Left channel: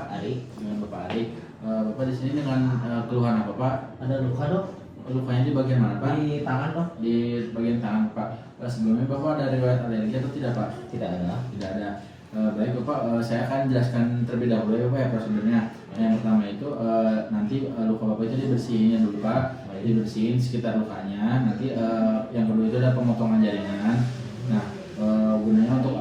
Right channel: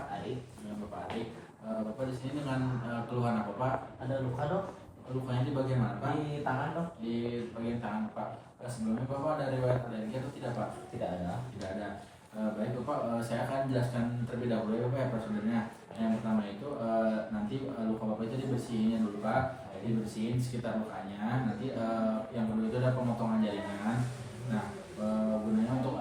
Bapak? Ari. Dengan Bapak Ari. Bapak di sini dengan keluhan apa Pak? Ada luka dok? Lukanya di bagian mana Pak? Di tangan dok? Di bagian tangan Pak. Sebelumnya Bapak ada riwayat alergi atau tidak Pak? Tidak ada. Tidak ada. Baik Bapak, saya akan jelaskan terlebih dahulu ya Bapak ya prosedurnya. Yang pertama itu nanti luka Bapak itu dibersihin dulu Pak. Dibersihin sekitar lukanya. Nanti yang kedua itu ada pemotongan jaringan. Nah, gunanya untuk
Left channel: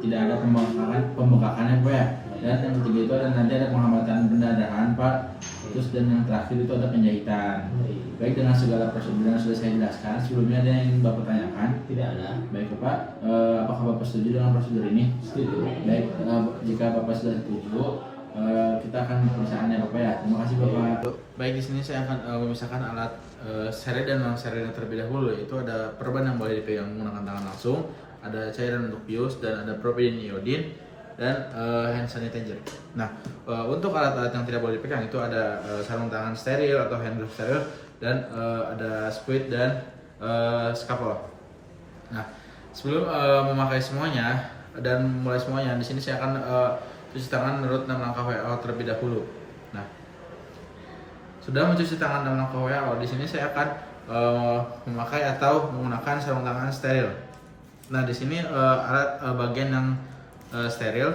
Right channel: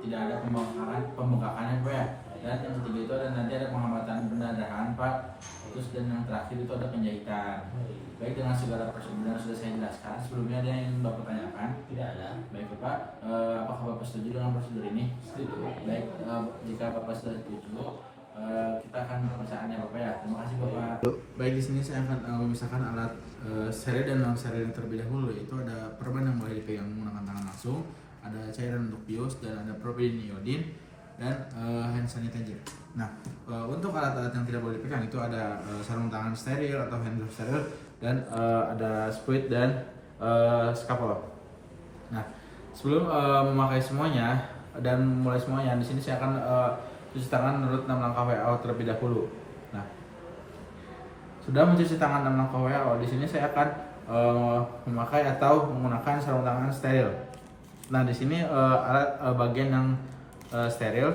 tidak ada pembengkakan ya Pak ya. Dan yang ketiga itu nanti ada penghambatan pendarahan Pak. Terus dan yang terakhir itu ada penjahitan. Baik, dengan segala prosedur yang sudah saya jelaskan, sebelumnya ada yang Bapak tanyakan? Tidak ada. Baik Bapak, apakah Bapak setuju dengan prosedur ini? Setuju. Baik, jika Bapak sudah setuju, kita akan pemisahkannya Bapak ya. Terima kasih Bapak. Baik, di sini saya akan memisahkan alat steril dan non steril terlebih dahulu. Itu ada perban yang boleh dipegang menggunakan tangan langsung, ada cairan untuk bius, dan ada propylene iodine, dan hand sanitizer. Nah, untuk alat-alat yang tidak boleh dipegang itu ada sarung tangan steril atau hand glove steril, dan ada spuit dan skapol. Nah, sebelum memakai semuanya dan mulai semuanya, di sini saya akan cuci tangan menurut 6 langkah WHO terlebih dahulu. Nah, sudah mencuci tangan 6 langkah WHO, di sini saya akan memakai atau menggunakan sarung tangan steril. Nah, di sini alat bagian yang steril.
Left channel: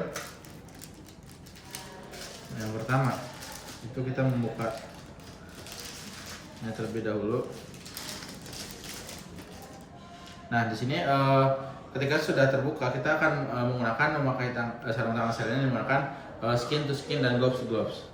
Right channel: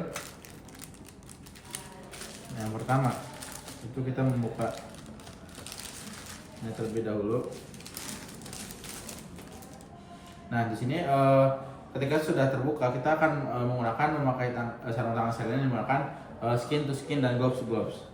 Yang pertama itu kita membuka terlebih dahulu. Nah, di sini ketika sudah terbuka, kita akan memakai sarung tangan steril ini menggunakan skin to skin dan gloves to gloves.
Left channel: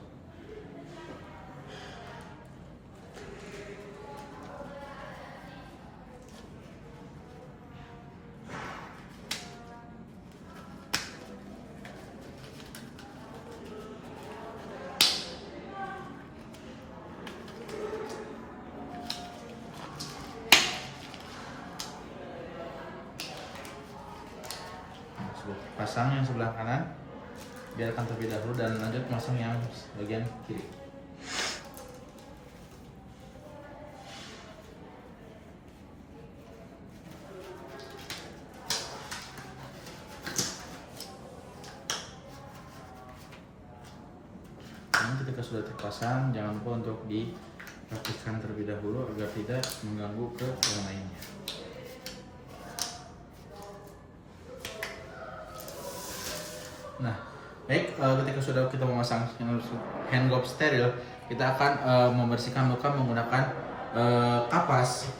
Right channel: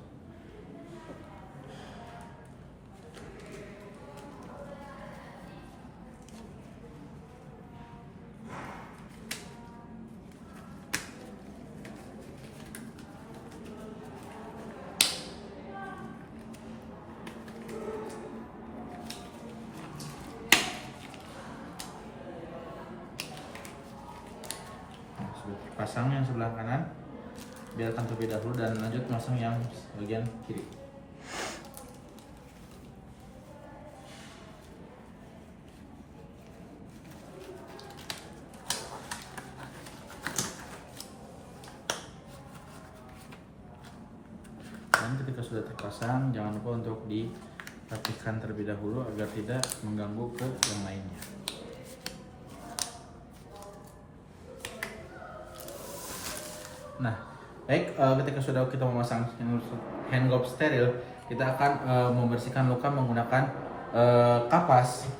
Pasang yang sebelah kanan, biarkan terlebih dahulu, dan lanjut masang yang bagian kiri. Dan ketika sudah terpasang, jangan lupa untuk dirapikan terlebih dahulu agar tidak mengganggu ke yang lainnya. Nah, baik, ketika sudah kita memasang hand glove steril, kita akan membersihkan luka menggunakan kapas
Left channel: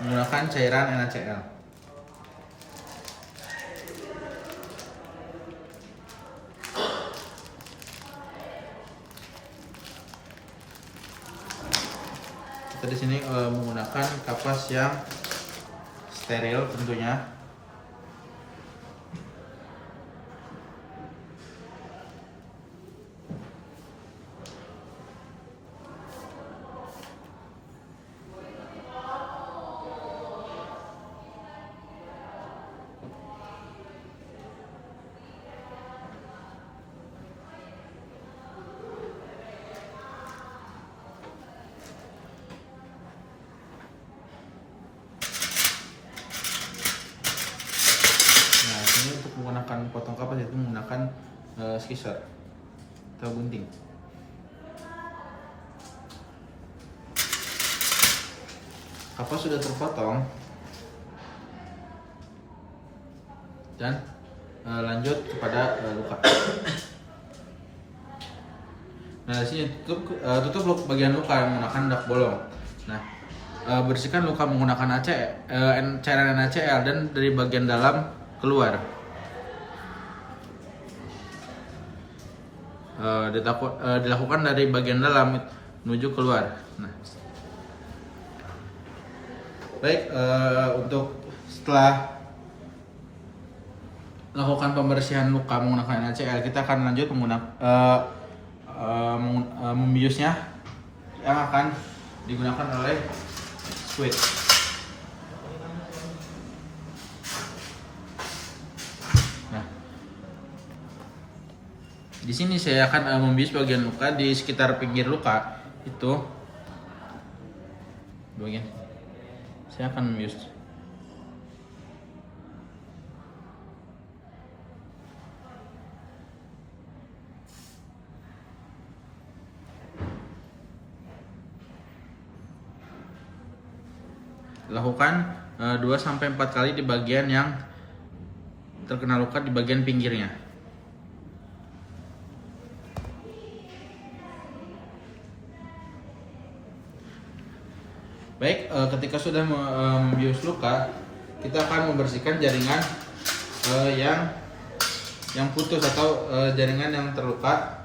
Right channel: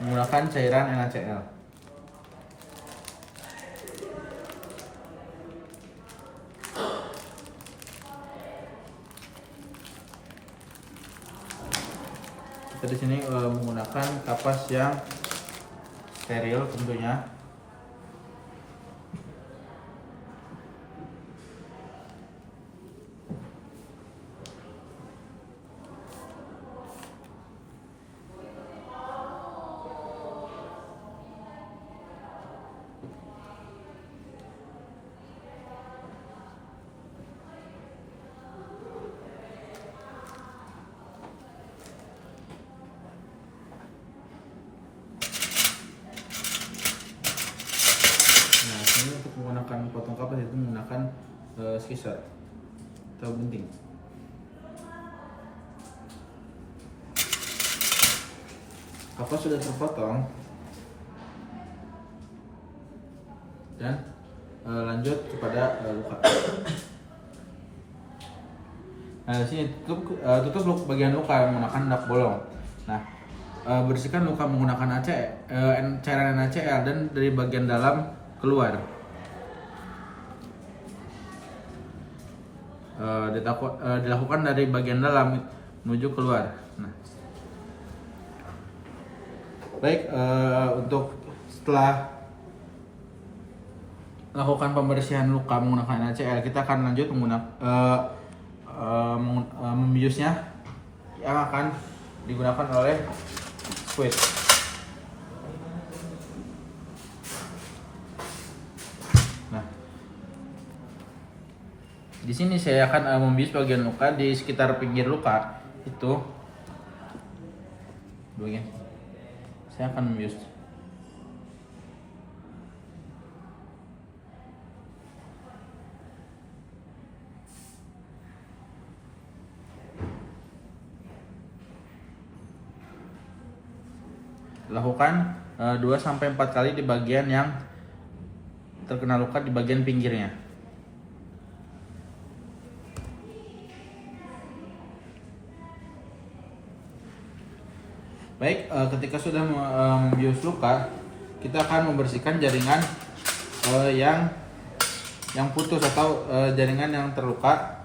menggunakan cairan NaCl. Kita di sini menggunakan kapas yang steril tentunya. Ini untuk menggunakan potong kapas itu menggunakan scissor atau gunting. Kapas sudah terpotong, dan lanjut kepada luka. Nah, di sini tutup bagian luka menggunakan dak bolong. Nah, bersihkan luka menggunakan cairan NaCl dan dari bagian dalam keluar. Dilakukan dari bagian dalam menuju keluar. Nah, baik, untuk setelah melakukan pembersihan luka menggunakan NaCl, kita akan lanjut membiusnya, yang akan digunakan oleh squid. Di sini saya akan membius bagian luka di sekitar pinggir luka itu. Bagian saya akan membius. Lakukan 2-4 kali di bagian yang terkena luka di bagian pinggirnya. Baik, ketika sudah membius luka, kita akan membersihkan jaringan yang putus atau jaringan yang terluka.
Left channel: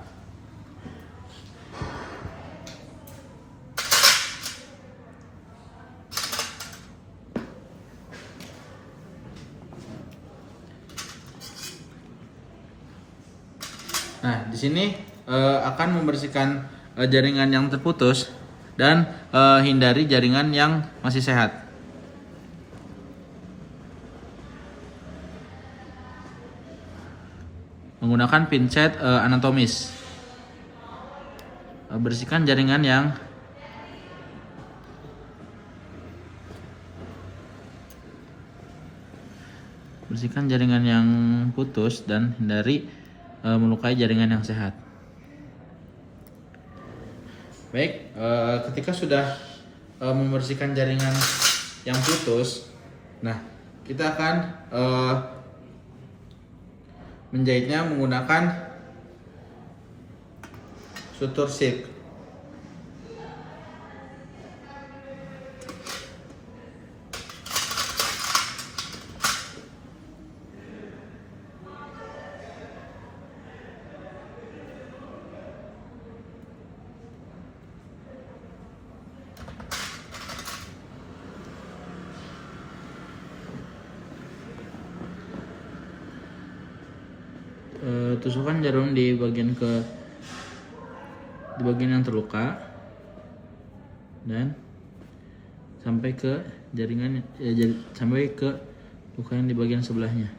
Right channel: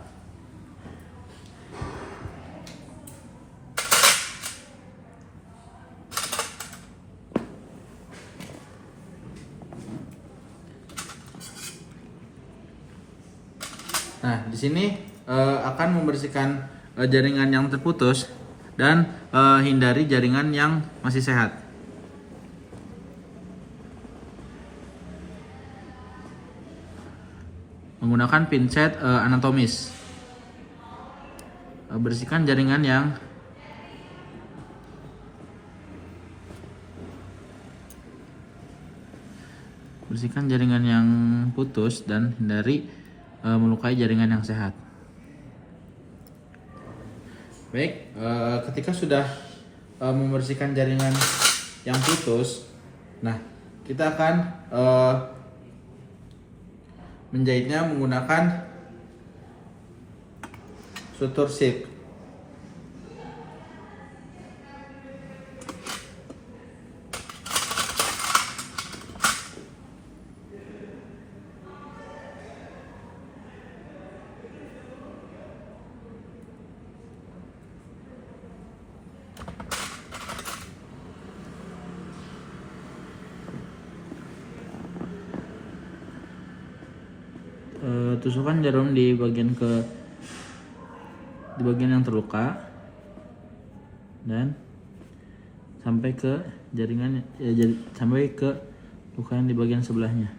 Nah, di sini akan membersihkan jaringan yang terputus dan hindari jaringan yang masih sehat. Menggunakan pinset anatomis. Bersihkan jaringan yang putus dan hindari melukai jaringan yang sehat. Baik, ketika sudah membersihkan jaringan yang putus, nah kita akan menjahitnya menggunakan sutur zip. Tusukkan jarum di bagian yang terluka dan sampai ke jaringan sampai ke luka yang di bagian sebelahnya.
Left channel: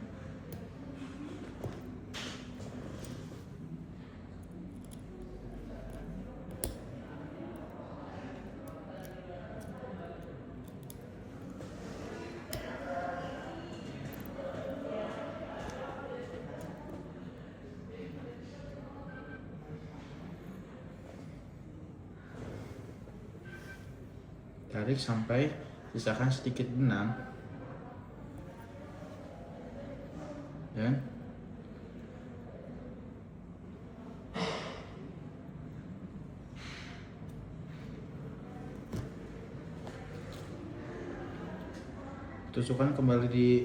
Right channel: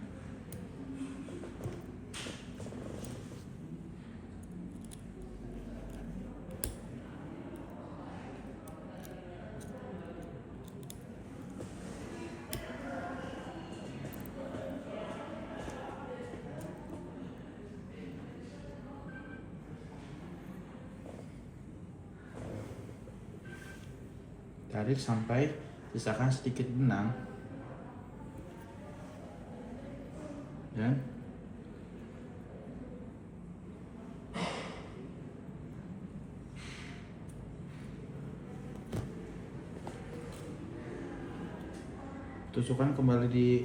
Tarik sampai sisakan sedikit benang dan tusukkan kembali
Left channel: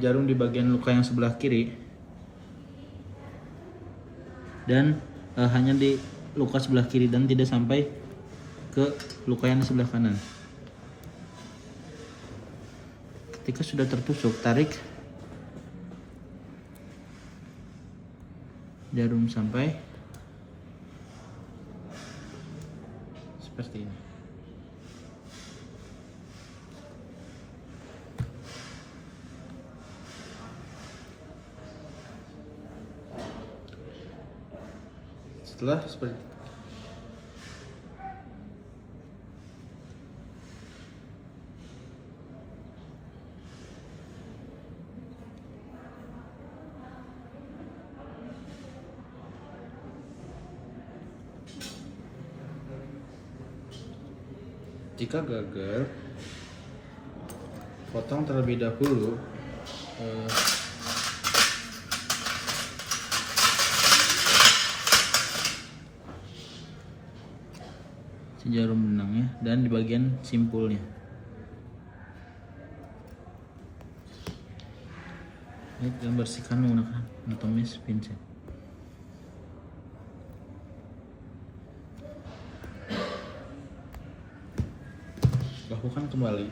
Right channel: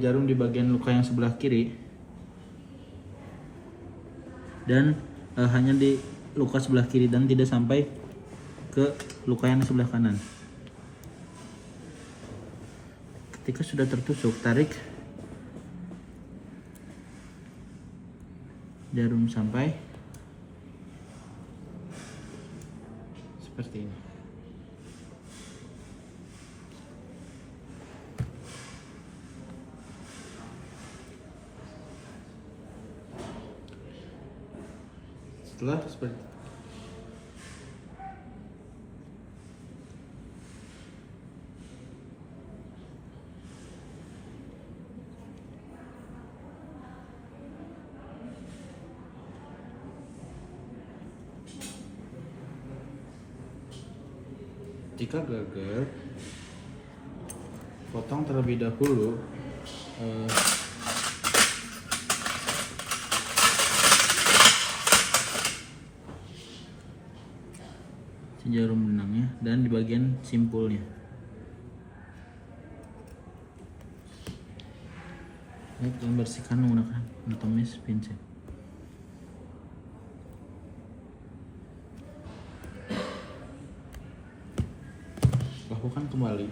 jarum di bagian luka yang sebelah kiri dan hanya di luka sebelah kiri dan tidak sampai ke luka yang di sebelah kanan. Ketika sudah tertusuk, tarik jarum sampai seperti ini. Setelah seperti jika gagal, potong terlebih dahulu si jarum benangnya dan di bagian simpulnya. Ini membersihkan menggunakan anatomis pinset. Lakukan kembali.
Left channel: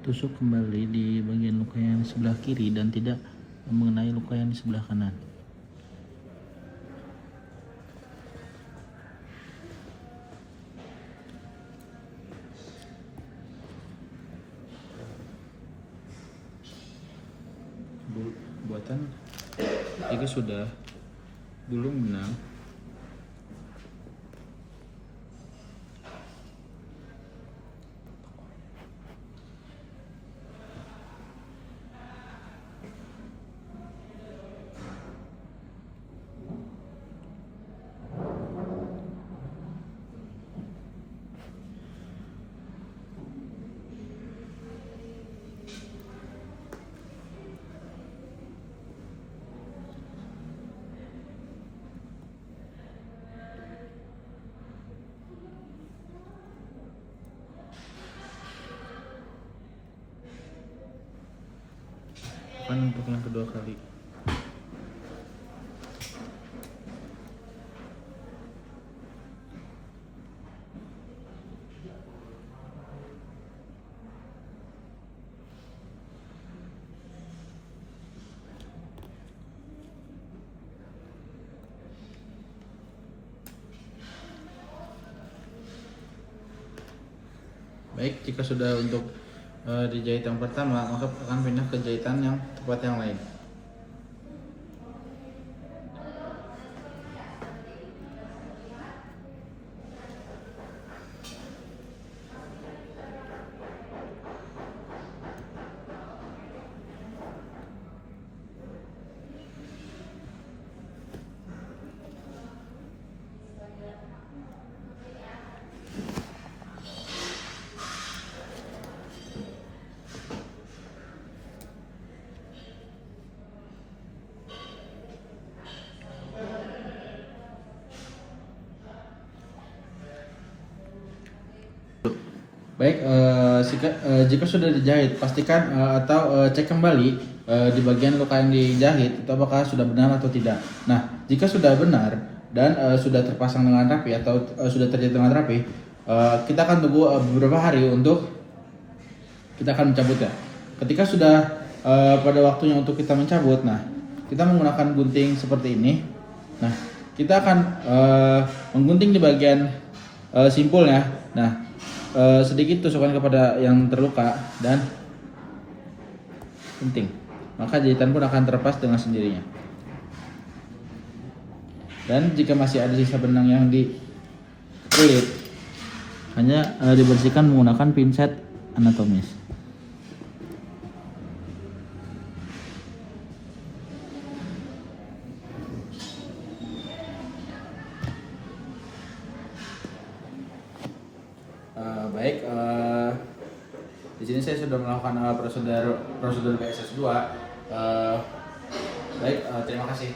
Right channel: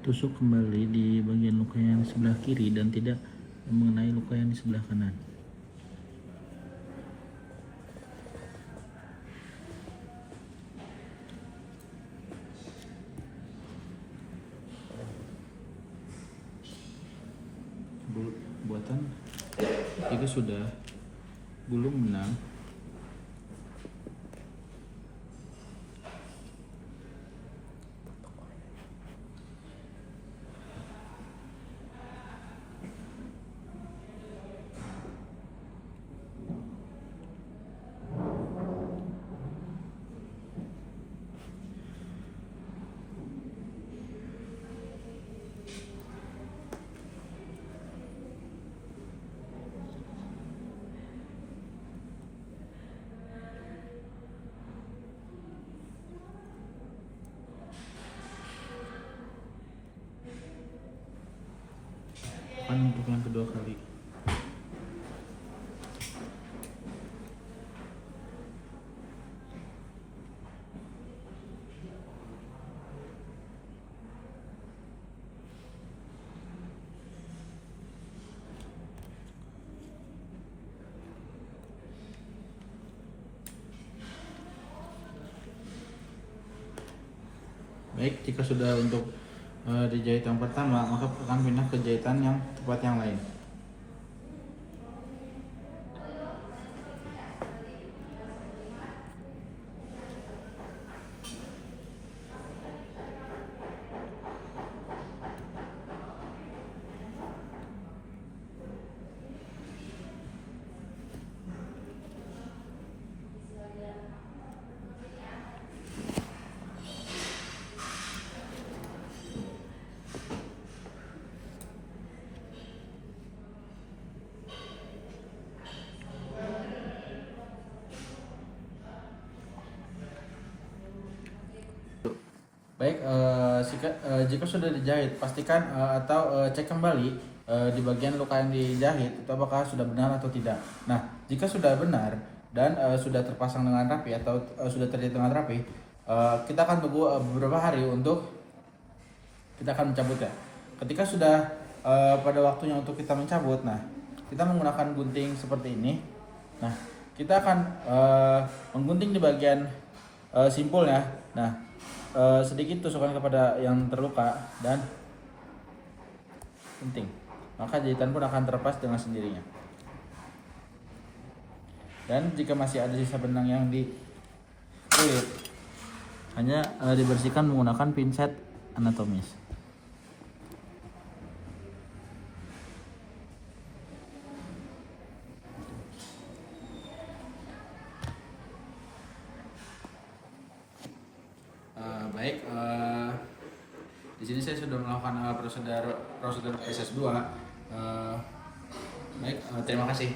Tusuk kembali di bagian luka yang di sebelah kiri dan tidak mengenai luka yang di sebelah kanan. pembuatan jika sudah gulung benang. Untuk yang kedua kali. Baik, jika sudah untuk dijahit yang pertama, maka akan pindah ke jahitan yang tempat yang lain. Baik, jika sudah dijahit, pastikan atau cek kembali di bagian luka yang dijahit itu apakah sudah benar atau tidak. Nah, jika sudah benar dan sudah terpasang dengan rapi atau sudah terjahit dengan rapi, kita akan tunggu beberapa hari untuk kita akan mencabutnya. Ketika sudah pada waktunya untuk kita mencabut, nah kita menggunakan gunting seperti ini. Nah, kita akan menggunting di bagian simpulnya. Nah, sedikit tusukkan kepada yang terluka dan gunting, maka jahitan pun akan terlepas dengan sendirinya. Dan jika masih ada sisa benang yang di kulit, hanya dibersihkan menggunakan pinset anatomis. Baik, di sini saya sudah melakukan prosedur PSS2. Baik, terima kasih.